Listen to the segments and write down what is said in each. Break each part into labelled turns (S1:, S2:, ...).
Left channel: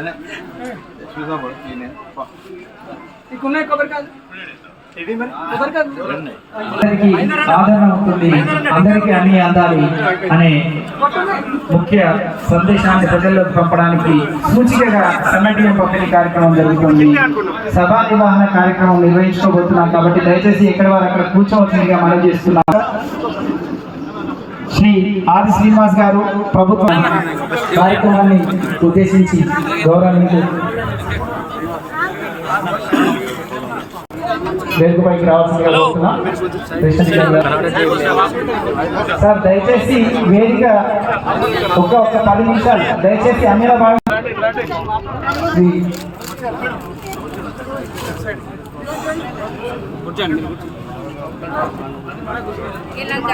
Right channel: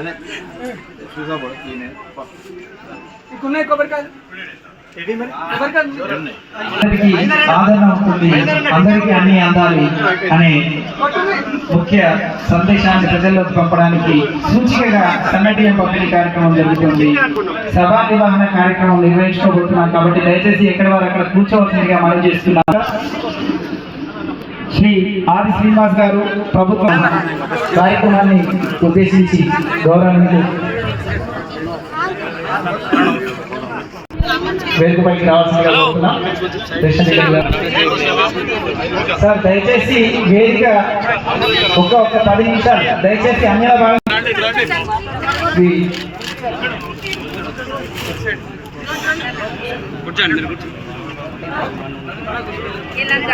S1: है ना? हाँ। इसमें सब है ना इकुने कबर का
S2: అందరికీ ఆదరణ ఉంటుంది. అందరికీ అన్ని అందాలి అనే ముఖ్య సందేశాన్ని ప్రజల్లోకి పంపడానికి సూచికగా సన్నటియం పంపిణీ కార్యక్రమం జరుగుతుంది. సభా నిర్వహణ కార్యక్రమం నిర్వహించుకోబోతున్నాం కాబట్టి దయచేసి ఎక్కడ వారు అక్కడ కూర్చోవలసిందిగా మనం చేస్తున్నాం. శ్రీ ఆది శ్రీనివాస్ గారు ప్రభుత్వం కార్యక్రమాన్ని ఉద్దేశించి గౌరవానికి వేదికపైకి. రేషన్ సార్ దయచేసి వేదిక ఒక్క ఒక్క పది నిమిషాలు. దయచేసి అన్ని భాగం
S3: ఇలా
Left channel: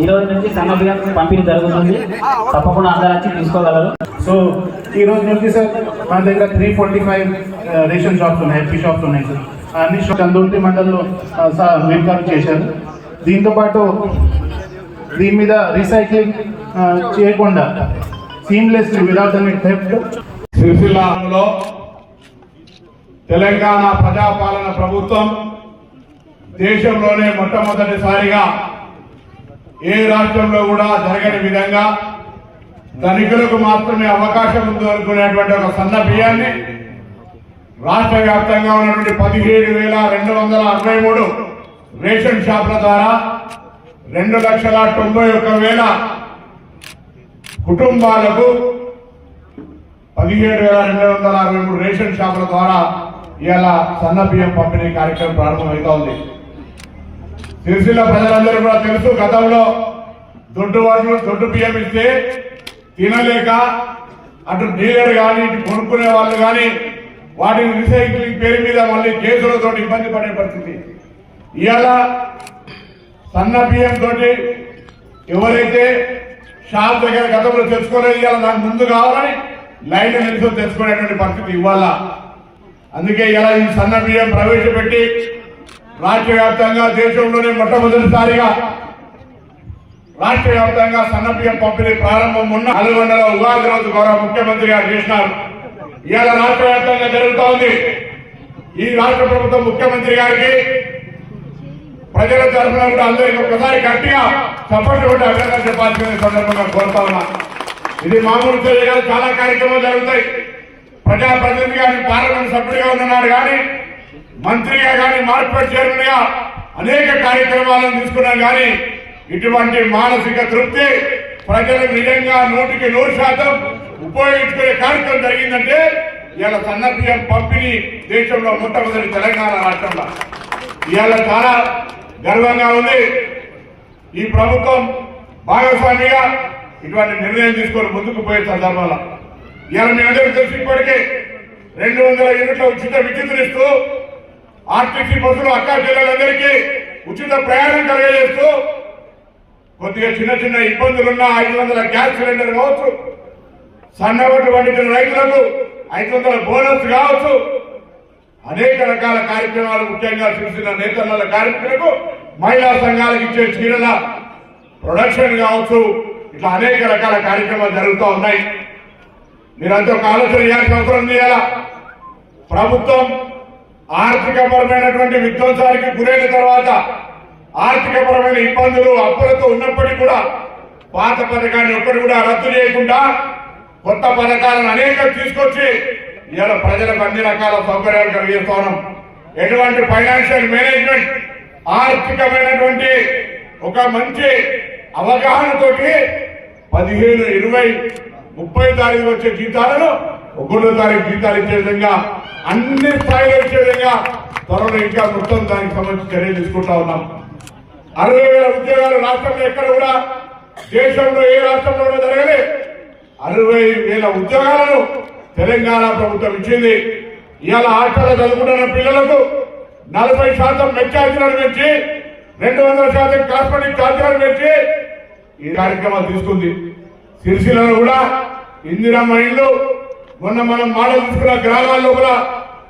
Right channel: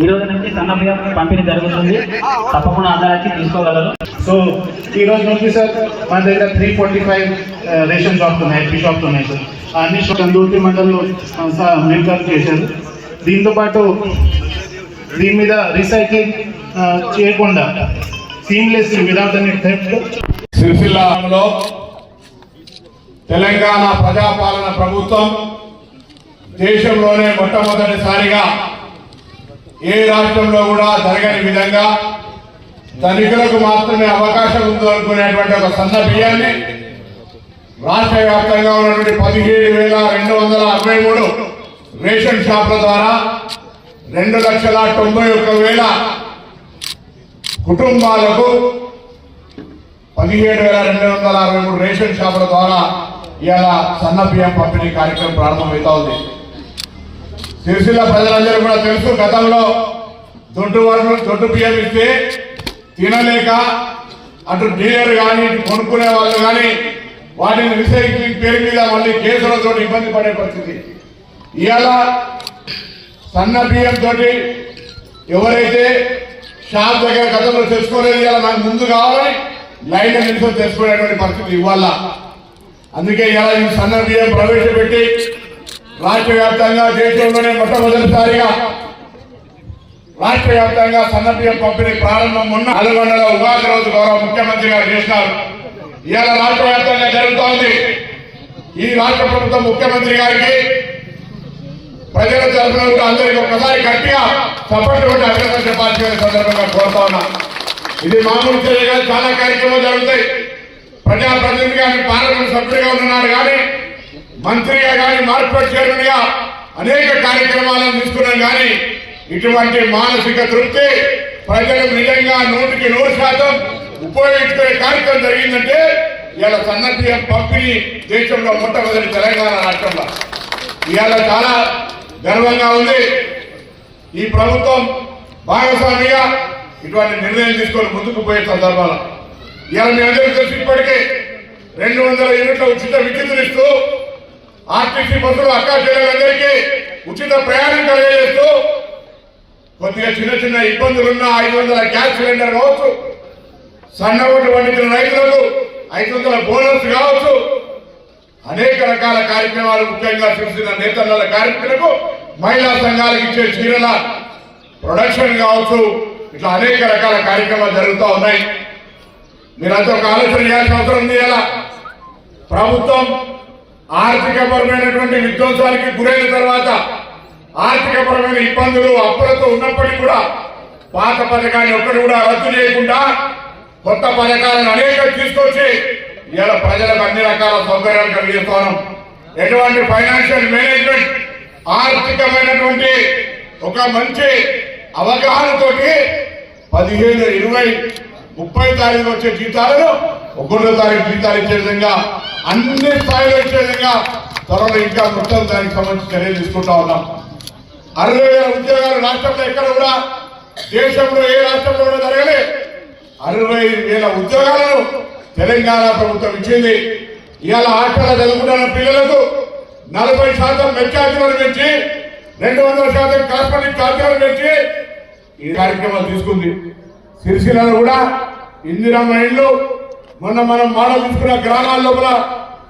S2: ఈ రోజు నుంచి సన్న బియ్యం పంపిణీ జరుగుతుంది. తప్పకుండా అందరూ వచ్చి తీసుకోగలరు.
S4: సో ఈ రోజు నుంచి సార్ మన దగ్గర three forty five ration shops ఉన్నాయి ఎల్పీ షాప్స్ ఉన్నాయి సార్ అన్ని కందూర్తి మండలం మెయింటైన్ చేశారు. దీంతో పాటు దీని మీద రీసైక్లింగ్ చేయకుండా సీమ్లెస్ విదౌట్ అనే థెఫ్ట్
S5: సిరిసిల్లాలో తెలంగాణ ప్రజాపాలన ప్రభుత్వం దేశంలోనే మొట్టమొదటిసారిగా ఏ రాష్ట్రంలో కూడా జరగని విధంగా ధనికులకు మాత్రమే అవకాశం ఉంది అనుకునేటువంటి ఒక సన్న బియ్యాన్ని రాష్ట్ర వ్యాప్తంగా ఉన్నటువంటి పదిహేడు వేల రెండు వందల అరవై మూడు రేషన్ షాపుల ద్వారా రెండు లక్షల తొంభై ఒక్క వేల కుటుంబాలకు పదిహేడు వేల రెండు వందల అరవై మూడు రేషన్ షాపుల ద్వారా ఇలా సన్న బియ్యం పంపిణీ కార్యక్రమం ప్రారంభమవుతా ఉంది. సిరిసిల్ల ప్రజలందరూ కూడా తెలుసు గతంలో దొడ్డు వరకు దొడ్డు బియ్యం ఇస్తే తినలేక అటు డీలర్ కానీ ఇటు కొనుక్కునే వాళ్ళు కానీ వాటిని రీసైక్లింగ్ పేరు మీద మళ్ళీ కేసులతో ఇబ్బంది పడే పరిస్థితి. ఇవాళ సన్న బియ్యం తోటి ఎవరైతే షాప్ దగ్గర గతంలో తెలుసుకోలేదు ఇవాళ నాకు ముందు కావాలని లైన్ నిమిషం తెలుసుకునేటువంటి పరిస్థితి ఇవాళ. అందుకే ఇలా ఈ సన్న బియ్యం ప్రవేశపెట్టి రాష్ట్ర వ్యాప్తంగా దేశంలోనే మొట్టమొదటిసారిగా రాష్ట్ర వ్యాప్తంగా సన్న పంపిణీ ప్రారంభం ఉన్న నల్గొండలో ఉగాది రోజు గౌరవ ముఖ్యమంత్రి గారు చేసినారు. ఇవాళ రాష్ట్ర వ్యాప్తంగా జరుగుతూ ఉంది ఈ రాష్ట్ర ప్రభుత్వం ముఖ్యమంత్రి గారికి ప్రజల తరఫున అందరికీ ఒకసారి గట్టిగా సపోర్ట్ ఉంటే అభినందన చెప్పాల్సిన సందర్భంగా కోరుతా ఉన్నా. ఇది మామూలు చర్య చాలా కార్యక్రమాలు జరుగుతాయి. ప్రజా ప్రతినిధి కానీ పార్లమెంట్ సభ్యుడిగా ఉన్నారు కానీ మంత్రిగా కానీ మార్కెట్ చైర్మన్గా అనేక కార్యక్రమాలను తీసుకున్నాం కానీ ఇటువంటి మానసిక తృప్తి ప్రజలకు నిజంగా నూటికి నూరు శాతం ఉపయోగించుకునే కార్యక్రమం జరిగిందంటే ఇవాళ సన్న పంపిణీ దేశంలో మొట్టమొదటి తెలంగాణ రాష్ట్రంలో. ఇవాళ చాలా గర్వంగా ఉంది. ఈ ప్రభుత్వం భాగస్వామిగా ఇటువంటి నిర్ణయం తీసుకొని ముందుకు పోయే సందర్భాలు. ఇవాళ మీ అందరికీ తెలిసి ఇప్పటికే రెండు వందల యూనిట్ల ఉచిత విద్యుత్తునిస్తూ ఆర్టీసీ బస్సులు అక్కా చెల్లెలందరికీ ఉచిత ప్రయాణం కలిగజేస్తూ కొద్దిగా చిన్న చిన్న ఇబ్బందులున్న ఐదు వందల గ్యాస్ సిలిండర్ కావచ్చు సన్న ఓటు పండించిన రైతులకు ఐదు వందల బోనస్ కావచ్చు. అనేక రకాల కార్యక్రమాలు ముఖ్యంగా చూసిన నేతల కార్మికులకు మహిళా సంఘాలకు ఇచ్చే చీరల ప్రొడక్షన్ కావచ్చు ఇట్లా అనేక రకాల కార్యక్రమాలు జరుగుతూ ఉన్నాయి. మీరంతా ఒక ఆలోచన చేయాల్సిన అవసరం ఉంది? ప్రభుత్వం ఆర్థికపరమైనటువంటి విధ్వంసానికి గురైన తర్వాత ఆర్థికపరమైన ఇబ్బందులు అప్పులతో ఉన్నప్పటికీ కూడా పాత పథకాన్ని ఒక్కటి కూడా రద్దు చేయకుండా కొత్త పథకాలను అనేక తీసుకొచ్చి ఇవాళ ప్రజలకు అన్ని రకాల సౌకర్యాలు కలిగిస్తాను. ఎటువంటి ఫైనాన్షియల్ మేనేజ్మెంట్ ఆర్థికమైనటువంటి ఒక మంచి అవగాహనతోటి పదిహేను ఇరవై ముప్పై తారీఖు వచ్చే జీతాలను ఒకటో తారీఖు జీతాలు ఇచ్చే విధంగా అన్ని స్థాయిలో విధంగా త్వరలో ఇంకా మొత్తం దానికి సంబంధించి చర్యలు తీసుకుంటా ఉన్నాం. అరవై వేల ఉద్యోగాలు రాష్ట్రంలో ఎక్కడ కూడా దేశంలో ఏ రాష్ట్రంలో కూడా జరగలేదు అరవై వేల ఉద్యోగాలను తెలంగాణ ప్రభుత్వం ఇచ్చింది. ఇవాళ హాస్టల్లో చదువుకుంటున్న పిల్లలకు నలభై శాతం మెచ్చార్జీలను పెంచి రెండు వందల శాతం కాస్మెటిక్ ఛార్జీలను పెంచి ఈ కార్యక్రమాలు తీసుకుంది. సిరిసిల్లలో కూడా ఇందిరా మైండ్లు మొన్న మనం మోడల్ తీసుకున్న గ్రామాల లోపల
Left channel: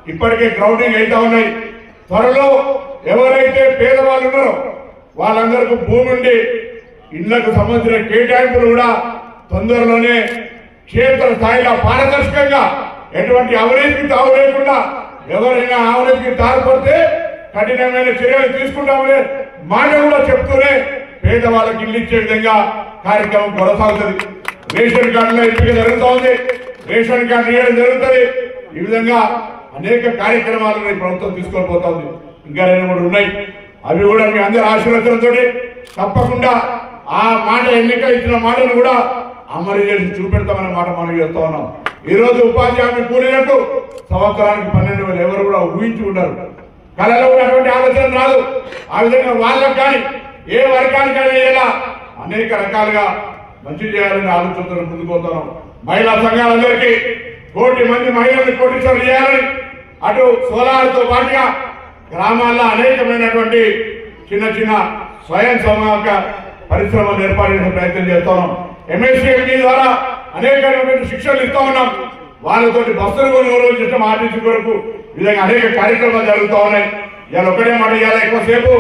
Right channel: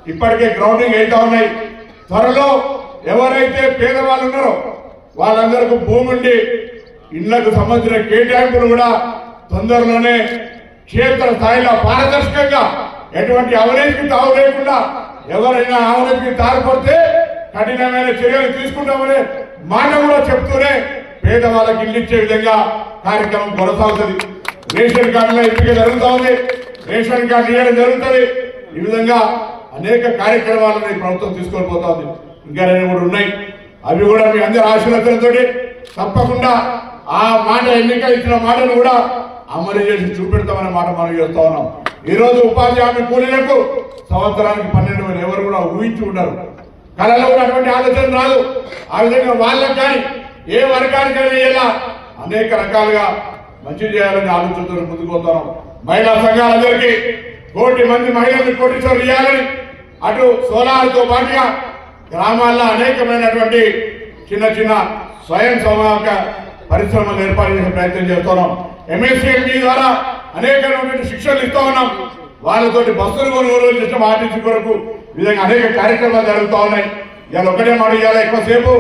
S5: ఇప్పటికే గ్రౌండింగ్ అవుతా ఉన్నాయి. త్వరలో ఎవరైతే పేదవాళ్ళు ఉన్నారో వాళ్ళందరికీ భూమి ఉండి ఇళ్ళకు సంబంధించిన కేటాయింపులు కూడా తొందరలోనే క్షేత్ర స్థాయిలో పారదర్శకంగా ఎటువంటి అవినీతికి తావు లేకుండా ఎవరైనా అవినీతికి తారపడితే కఠినమైన చర్యలు తీసుకుంటామనే మాట కూడా చెప్తూనే పేదవాళ్ళకి ఇల్లు ఇచ్చే విధంగా కార్యక్రమం కొనసాగుతుంది. రేషన్ కార్డులో ఎంపిక జరుగుతూ ఉంది రేషన్ కార్డు ఇవ్వడం జరుగుతుంది. ఈ విధంగా అనేక కార్యక్రమాలను ప్రభుత్వం తీసుకొని పోతా ఉంది. ఇంకా రెండు మూడు ఉన్నాయి. అవి కూడా మీ అందరి ఆశీర్వచనంతో తప్పకుండా ఆ మాట ఎన్నిక ఇచ్చిన మాటను కూడా అమలు చేసి చూపెడతామనే మాట మనం చేస్తా ఉన్నాం. ఈ రోజు ఉపాధి హామీ కూలీలకు సంవత్సరానికి పన్నెండు వేలు ఎవరు కూడా ఊహించి ఉండరు. కళలో కూడా అటువంటి ఆలోచన రాదు. ఆ విధంగా వాళ్ళకు కానీ ఏ వర్గానికైనా అనేక రకాలుగా మంచి చేయాలని ఆలోచనతో ముందుకు పోతున్నాం మహిళా సంఘాలందరికీ కోటి మంది మహిళలను కోటీశ్వరులు చేయాలని అటు సోలార్తో పాటుగా గ్రామాల్లో అనేకమైనటువంటి చిన్న చిన్న స్వయం సమాక పరిశ్రమలు ఏర్పాటు చేసే ప్రయత్నం చేస్తున్నాం. ఎంఎస్సీఎంటీ ద్వారా అనేకమైనటువంటి శిక్షణలు ఇస్తూ ఉన్నాం. వాళ్ళతోటి బస్సులు కొనుగోలు చేసిన ఆర్టీసీ కొరకు విధంగా అనేక కార్యక్రమాలు జరుగుతూ ఉన్నాయి. ఇవాళ ఒకటే మాట ఇవాళ ఎక్కువసేపు.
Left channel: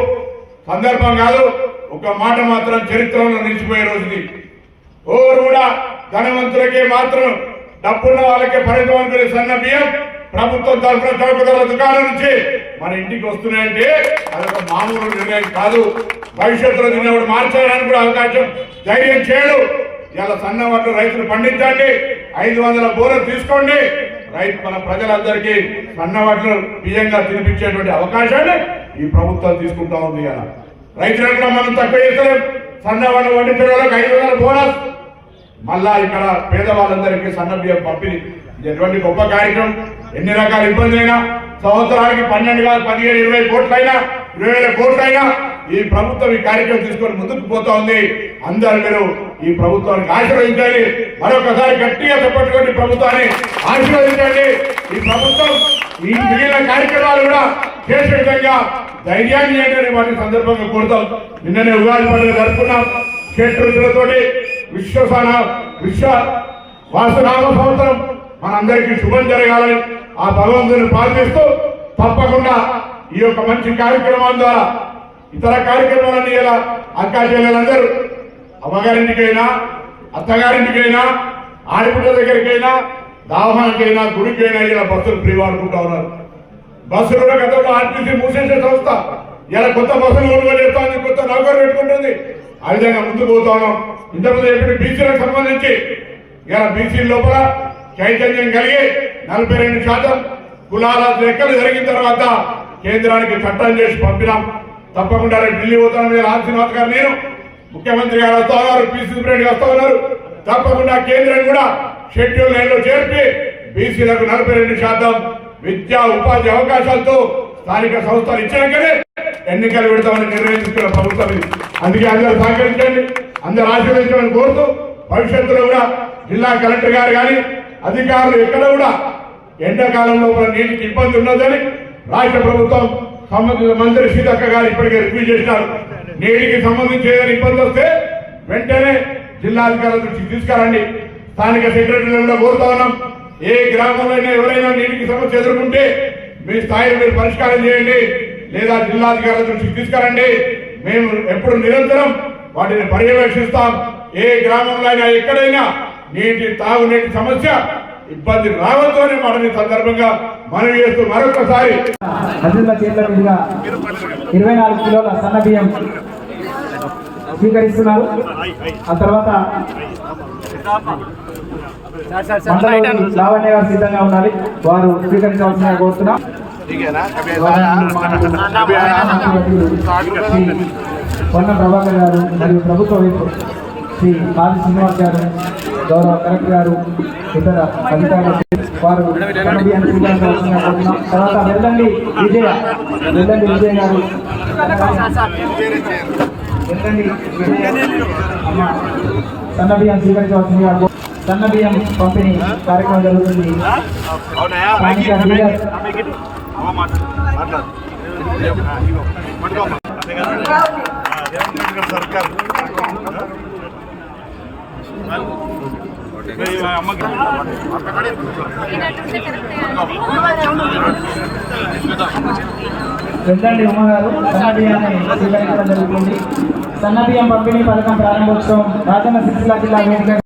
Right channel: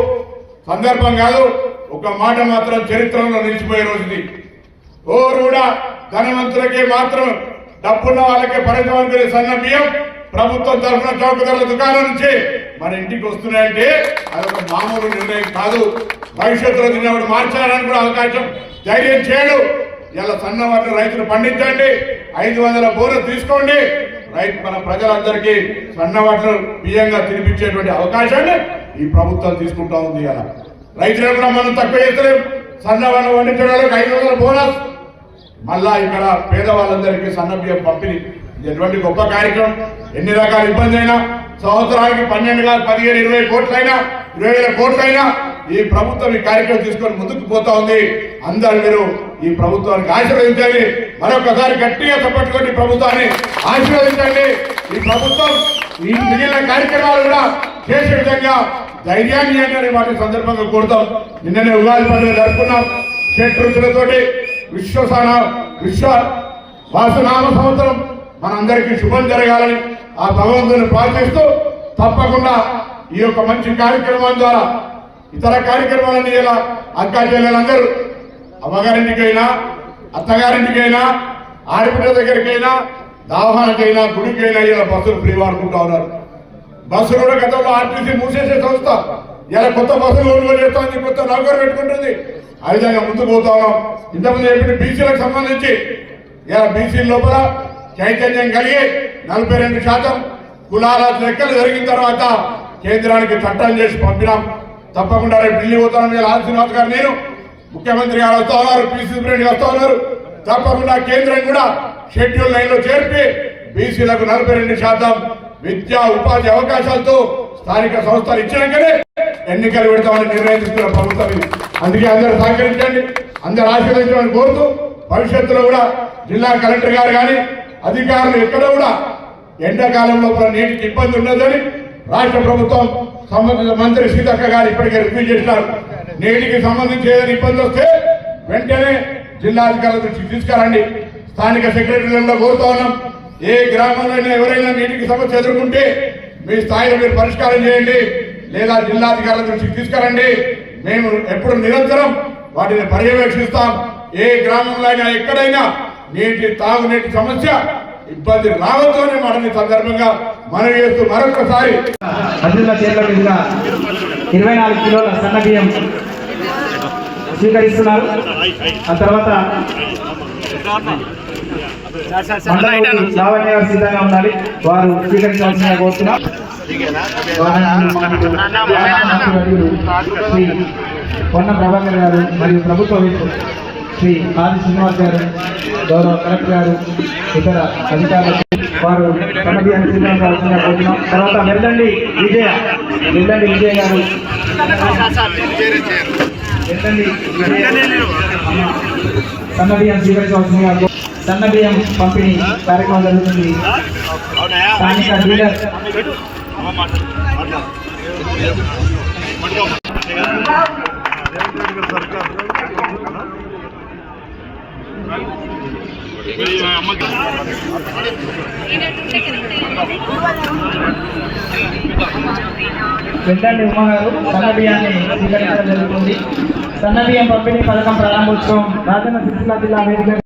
S5: సందర్భం కాదు ఒక మాట మాత్రం చరిత్రలో నిలిచిపోయే రోజుది. ఓరు కూడా ధనవంతులకే మాత్రం డబ్బున్న వాళ్ళకే పరిమితం అనుకునే సన్న బియ్యం ప్రభుత్వం తరఫున చౌక ధరల దుకాణం నుంచి మన ఇంటికి వస్తున్నాయంటే అదొక మామూలు నిర్ణయం కాదు. భవిష్యత్తులో దీన్ని మార్చాలని కూడా అవకాశం ధైర్యం చేయడు. ఇలా సన్న వాటిని రైతులు పండించండి. ఐదు వందల బోనస్ తీసుకోండి. రైతు మన ప్రజలందరికీ సన్న వాటిని బియ్యంగా తినిపించేటువంటి అవకాశాన్ని ఈ ప్రభుత్వం తీసుకుంటా ఉంది ఇలా రైతులకు కూడా మనం తక్కువ చేస్తలేం. సన్న వాళ్ళు పండించడానికి ఐదు వందల బోనస్ మళ్ళా ఇక్కడ పేదవాళ్ళందరికీ సన్నబియ్యం పంపిణీ. ఎటువంటి గొప్ప కార్యక్రమం? ఎన్ని రకాల ఇబ్బంది అయినా సంవత్సరానికి పన్నెండు కాదు పదిహేను ఇరవై కోట్లైనా ఇరవై వేల కోట్లైనా ఈ ప్రభుత్వం ఈ కార్యక్రమం తీసుకొని ముందుకు పోతా ఉంది. అందరు మీరు ఈ ప్రభుత్వానికి ఆశీర్వదించండి. మరొకసారి గట్టిగా తప్పట్టుకోండి ప్రభుత్వాన్ని ఆశీర్వదించండి. ఈ ప్రభుత్వం ఈ మిగిలిన కార్యక్రమాలు కూడా చేసే విధంగా ధైర్యాన్ని ఇవ్వండి వాటి సందర్భంగా కోరుతాం. నిన్ననే ఉగాది పండుగ జరుపుకున్నాం. చెట్టు రుచులతోటి విశ్వసాన విశ్వ వాసునామ సంవత్సరం మనందరికీ శుభం జరగాలని ఆ భగవంతుని ప్రార్థిస్తూ తప్పకుండా ఈ యొక్క మంచి కార్యక్రమం ద్వారా ఇతర కార్యక్రమాలన్నీ ఇలా అక్కా చెల్లెలందరూ అమ్మగారింటికైనా అత్తగారింటికైనా ఆడపిల్ల దగ్గరికైనా దావహానికైనా గుడికైనా ఇలా బస్సులు ఫ్రీ వాడుకుంటా ఉన్నారు. బస్సులు కూడా గతంలో ఆర్టీసీ మూసేసే సంస్థ. ఇలా కొత్త బస్సులు కొనుగోలు చేస్తా ఉంది కొత్త నౌకరు పెట్టుకుంటుంది. ఆ విధంగా ముందుకు పోతా ఉన్నాం ఇంతకుముందు చెప్పిన బీసీలకు సంబంధించి ఇలా బీసీ లోపల చైతన్యం కలిగి నలభై రెండు శాతం కులాల లెక్కలు జరిగిన తర్వాత కేంద్రానికి చట్టం చేసి పంపినాం. తప్పకుండా రేపు ఢిల్లీ పోతున్నాం మీరు ఆర్ శ్రీనివాస్ గారు నేను ముఖ్యమంత్రి గారు వస్తా ఉన్నారు పీసీ ప్రెసిడెంట్ వస్తా ఉన్నారు. తప్పకుండా కేంద్రం కూడా షెడ్యూల్ లైన్లో చేర్పి బీసీలకు నలభై రెండు శాతం విద్యా ఉపాధి అవకాశాలతో స్థానిక సంస్థలు ఇచ్చినాకనే ఎన్నికలు పెడతామని నిర్ణయం తీసుకున్న ప్రభుత్వం అందుకే అందరూ సహకరించండి అందరూ ఆశీర్వదించమని కోరుతూ భవిష్యత్తులో కూడా జిల్లా కలెక్టర్ గారు కానీ అధికారులు ఎక్కడ కూడా ఎండాకాలంలో కూడా నీటికి ఇబ్బంది ఉండదని రాష్ట్ర ప్రభుత్వం సంబంధిత మంత్రి సీతక్క గారు ఇప్పటికే రివ్యూ చేసినారు. నీటికి సంబంధించి ఏదైనా ఇబ్బంది వస్తే వెంటనే జిల్లాధికారుల దృష్టికి తీసుకురండి. స్థానిక సెక్రటరీలను కోరుతా ఉన్నాం. ఏ గ్రామంలో ఎవరైనా నీటికి సమస్య ఎదుర్కొంటే మీ స్థాయిలో మీరు పరిష్కారం చేయండి. లేదా జిల్లాధికారుల దృష్టికి తీసుకురండి. మేము ఎప్పుడు నిరంతరం వాటిని పర్యవేక్షిస్తాం. ఏ గ్రామంలో అయినా ఎక్కడైనా నీటి తాగునీటి సమస్య ఇబ్బంది రావద్దు అనే మాటని సందర్భంగా మనవి చేస్తూ మరొకసారి.
S2: ఇరవై నాలుగు కిలోల సన్న బియ్యం స్వీకరిస్తున్నారు. ఆ తర్వాత లావణ్య సిద్ధంగా ఉండాలి. వారు స్వీకరించాల్సిన కోరుతున్నాం. పొన్న ప్రభాకర్ గారు మరియు ప్రభుత్వ శ్రీ ఆది శ్రీనివాస్ గారు గౌరవ కలెక్టర్ గారు ఇతర అధికారులు వారు కమిటీని సిద్ధంగా కోరుతున్నాం. తర్వాత వెళ్ళండి విజయ వెళ్ళండి విజయ గారు. వెళ్ళండి విజయ అమ్మ స్వీకరించవలసిందిగా సన్న బియ్యం పంపిణీ కార్యక్రమం జరుగుతుంది. స్థానిక డీలర్ వెళ్ళండి ఉమ్మగారు సన్న బియ్యాన్ని స్వీకరించడం జరుగుతుంది. సన్నబియ్యం పంపిణీ పథకం ప్రారంభోత్సవం రాజన్న సిరిసిల్ల జిల్లా వేదిక